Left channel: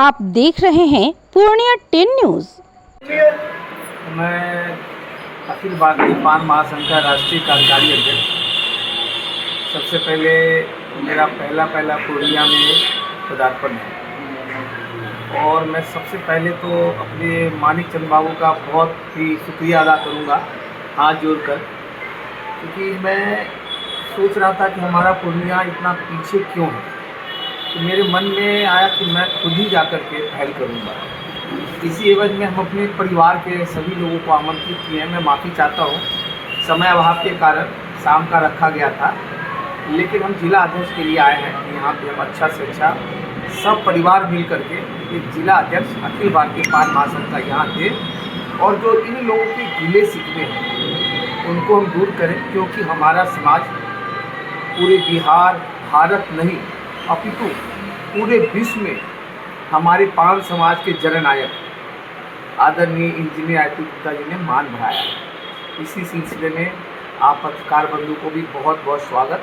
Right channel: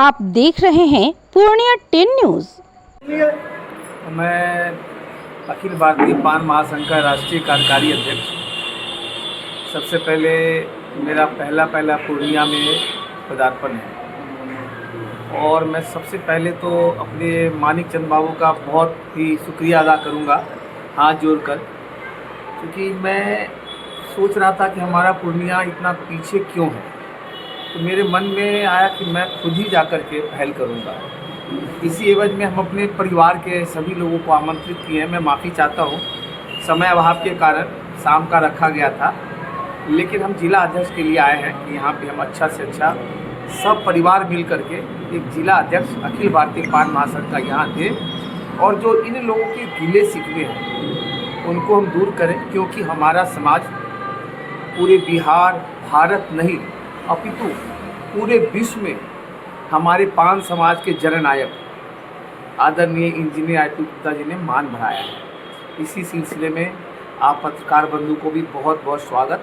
आप देख रहे हैं पूर्णिया 10 न्यूज। मैं अखिल भारतीय पान महासंघ का राष्ट्रीय कार्यकारी अध्यक्ष। सबसे पहले मेरा पहला पूर्णिया में पदार्पण है और मैं सबसे पहले तो अपने मानिक चंद बाबू का बहुत ही शुक्रिया अदा करूंगा हाथ जोड़कर, क्योंकि मैं सोच रहा था कि हमारा पूर्णिया इतना पीछे क्यों है, तो मेरे मन में आया कि मैं खुद ही जाकर के पहल करूंगा। इसी एवज में हम अपने परिवार के सभी लोगों को आमंत्रित किए हैं। मैं माफ़ी चाहता हूँ, समय अभाव के कारण शाम का रखा गया था, लेकिन हम जिला अध्यक्ष के लिए आए हैं कि यहाँ पे हम अच्छा से अच्छा सब परिवार मिल करके एक जिला अध्यक्ष अखिल भारतीय पान महासंघ का यहाँ थे और जो इन लोगों के गिले शिकवे हैं उनको हम दूर करें, क्योंकि हमारा समाज पूरे बिहार, भारत नहीं अपितु पूरे विश्व में हमारे पान समाज के जननायक आदरणीय इंजीनियर आईपी गुप्ता जी ने मान बढ़ाया है। इसी सिलसिले में आप पत्रकार बंधु को भी बहुत बहुत स्वागत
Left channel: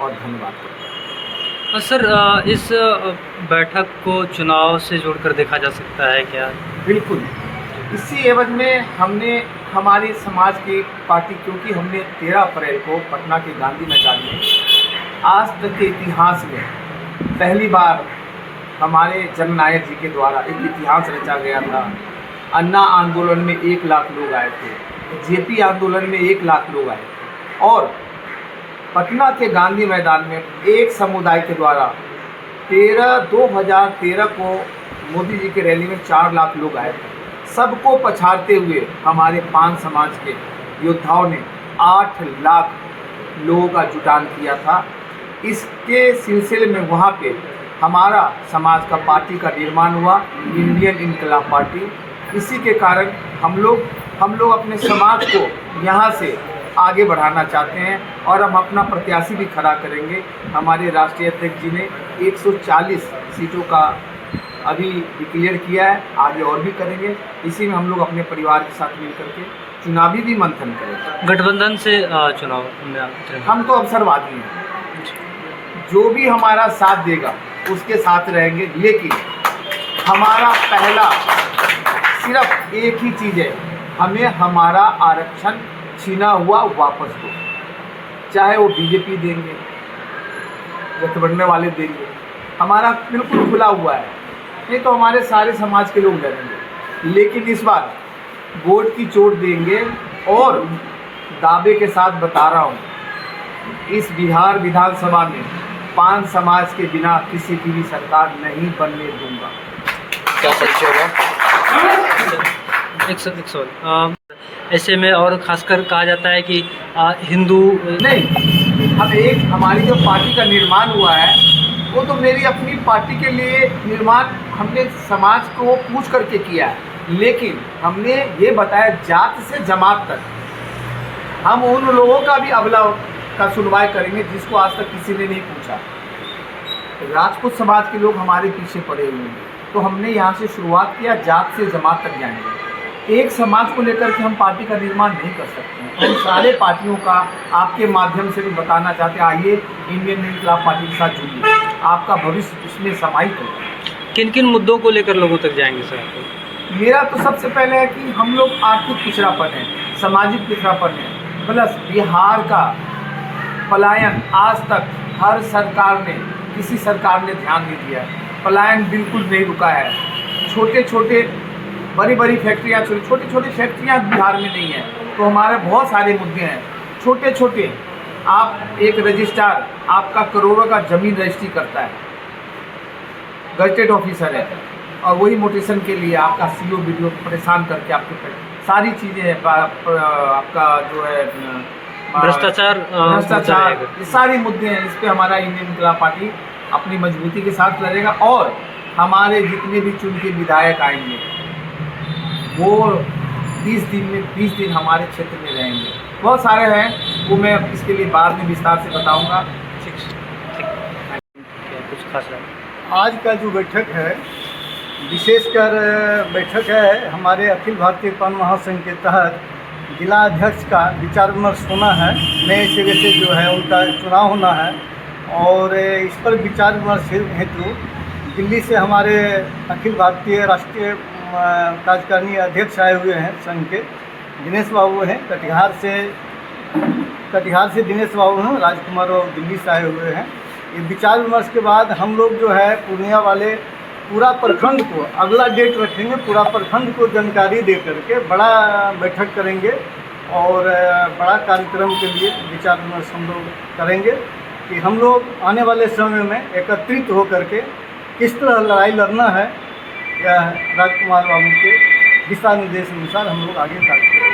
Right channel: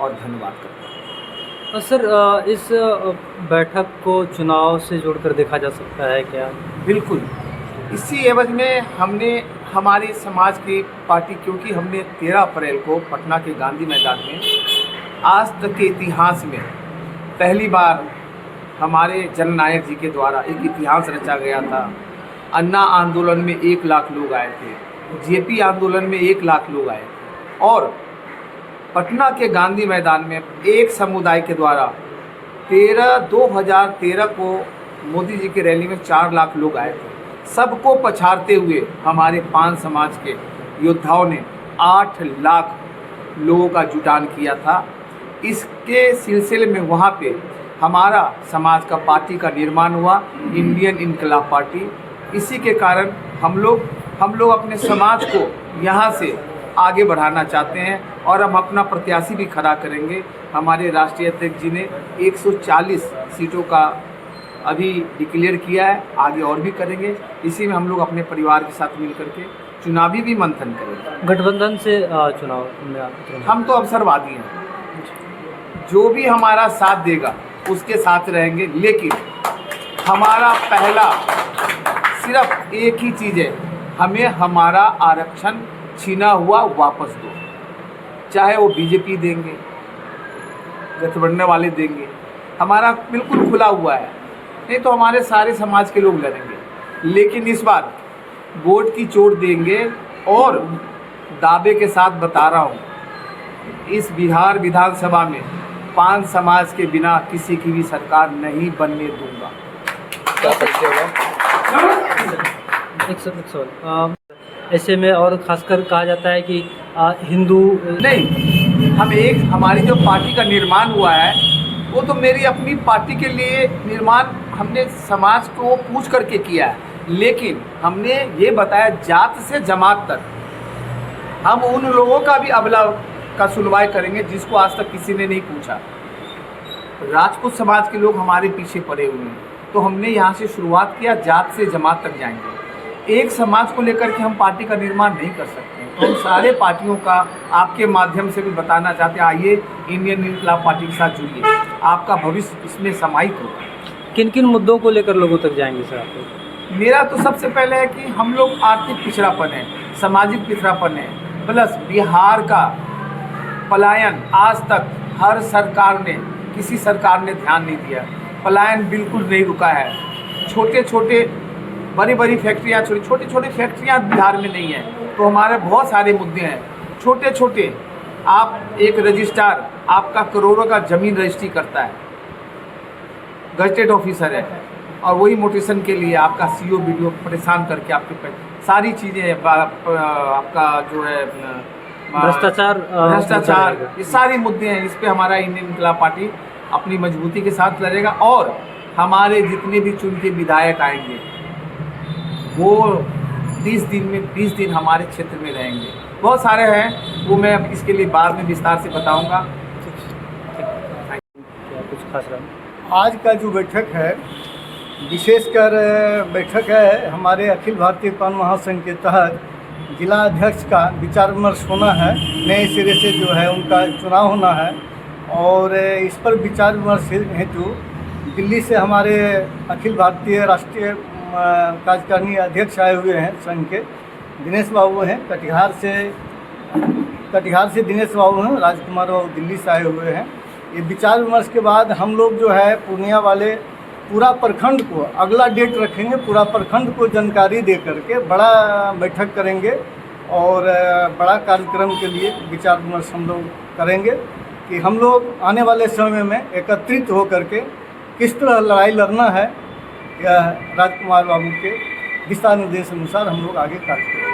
और धन्यवाद करते हैं। सर, इस बैठक को चुनाव से जोड़कर देखा जा सकता है क्या? बिल्कुल, इसी एवज में हमने हमारे समाज की पार्टी, क्योंकि हमने 13 अप्रैल को पटना के गांधी मैदान में आज तक के इतिहास में पहली बार हमारे जननायक जी के द्वारा एक इतिहास रचा गया था। अन्ना आंदोलन में 1 लाख लोग आए थे, जेपी आंदोलन में 1 लाख लोग आए थे और पटना के गांधी मैदान में एक समुदाय के द्वारा 2013 को मोदी जी की रैली में 4 लाख लोग आए थे। सबको पछाड़ते हुए हमारे पान समाज के योद्धाओं ने 8 लाख लोगों का जुटान किया था। इसके सिलसिले में वहाँ पे हमारा समाज का पार्टी का निर्माण हुआ, इंडियन इनकलाब पार्टी। इसी के कारण हम लोग अपने समाज को यहाँ से आगे बढ़ाना चाहते हैं और हम अपना प्रत्याशी भी खड़ा करेंगे। हमारे राष्ट्रीय अध्यक्ष जी ने 140 सीटों का अभी डिक्लेयर किया है, आगे और भी करेंगे। इसी में हम लोग अपने परिवार के साथ मिल करके चुनावी भी मंथन करेंगे। गठबंधन से चुनाव में हम तो अवसरवादी हैं, जो भी हमारा साथ देगा उसके साथ रहेंगे, लेकिन हमारा पहला सिर्फ एक ही चीज़ है, हमें हमारा आरक्षण छीना हुआ वापस दो। चाहे वो बीजेपी देंगे, गठबंधन वाले देंगे, हमारा बिल्कुल खुला हुआ है, नहीं तो हमारे सारे समाज के लोग लड़ेंगे। लेकिन इस बार वोट की चोट देंगे और दावे के साथ बता रहा हूँ, इस बिहार विधानसभा में पान समाज के बिना किसी की भी सरकार नहीं बनने दूंगा। क्या परिचय होगा? एक सवाल, ऐसे में और खासकर कहा जाता है कि हिंदू नहीं, हमारी जो पार्टी का निर्माण हुआ है वो तो मेरी अपनी पार्टी के लिए निर्माण हमने समाज को पूछ करके किया है, लेकिन हमने ये बताया जात से जमात तक हम उन लोगों का भी अबला का सुनवाई करेंगे जिसको आज तक किसी ने नहीं पूछा। राजपूत समाज के लोग हमारे पीछे पड़े हुए हैं, तो हमने यहाँ से शुरुआत किया, जात से जमात तक जाएंगे। एक समाज को लेकर के हम पार्टी का निर्माण नहीं कर सकते हैं। हम सारे पार्टियों का आपके माध्यम से भी बताना चाहते हैं, आइए इंडियन इनकलाब पार्टी के साथ जुड़िए, आपका भविष्य इसमें समाहित होगा। किन किन मुद्दों को लेकर लोगों तक जाएंगे सर आप? मेरा तो सबसे पहले है कि हम लोग आर्थिक पिछड़ापन है, सामाजिक पिछड़ापन है, प्लस बिहार का पलायन आज तक हर सरकार ने, किसी सरकार ने ध्यान नहीं दिया है। पलायन बिल्कुल नहीं रुका है। बड़ी फैक्ट्रियाँ, छोटी फैक्ट्रियाँ बिहार में नहीं है, तो हमारे बहुत सारे मुद्दे हैं। छोटे आप एक रजिस्ट्रार आपका करोड़ों का ज़मीन रजिस्ट्री करता है, गजटेड ऑफिसर है, और वही मोटेशन के लिए आपका सीओ वीडियो परेशान करके आपके सारी चीज़ें आपका जो है भ्रष्टाचार, ये सारे मुद्दे हैं। इस पे हमारा इंडियन इनकलाब पार्टी अपनी मजबूती के साथ लड़ेगा और हमारे जितने भी चुन के विधायक आएंगे वो 20 दिन हमारे क्षेत्र में रहेंगे। बहुत सारे हैं, वो मैं अब इसके लिए बाद में विस्तार से बताऊंगा। क्या कुछ खास रहा? आज का जो बैठक है, विशेषकर बैठक है हमारे अखिल भारतीय पान महासंघ के तहत जिला अध्यक्ष का विचार विमर्श होना है। नए सिरे से जो है उनका चुनाव होना है और इस पर विचार विमर्श हेतु दिल्ली से हमारे अखिल भारतीय राष्ट्रीय कार्यकारिणी अध्यक्ष आए हुए हैं संघ के, दिनेश बाबू हैं। कटिहार से दिनेश बाबू हैं, राजकुमार बाबू दिल्ली से आए हुए हैं। ये विचार विमर्श के बाद हम लोग जो है पूर्णिया वाले पूरा प्रखंड को अगला डेट रखेंगे, पूरा प्रखंड को जानकारी दे करके बड़ा बैठक करेंगे और बड़ा कार्यक्रम के लिए विचार विमर्श हम लोग करेंगे कि हम लोग आने वाले समय में एकत्रित होकर के किस तरह लड़ाई लड़ना है। यह राजकुमार बाबू के दिशा निर्देश अनुसार हम लोग आगे कार्य करेंगे।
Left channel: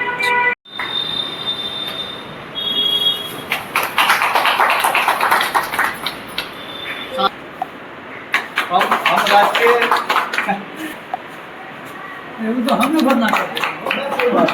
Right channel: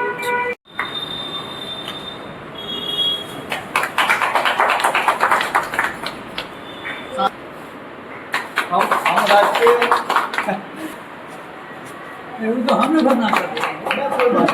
हम राष्ट्रीय तो हमें भरना पड़ेगा।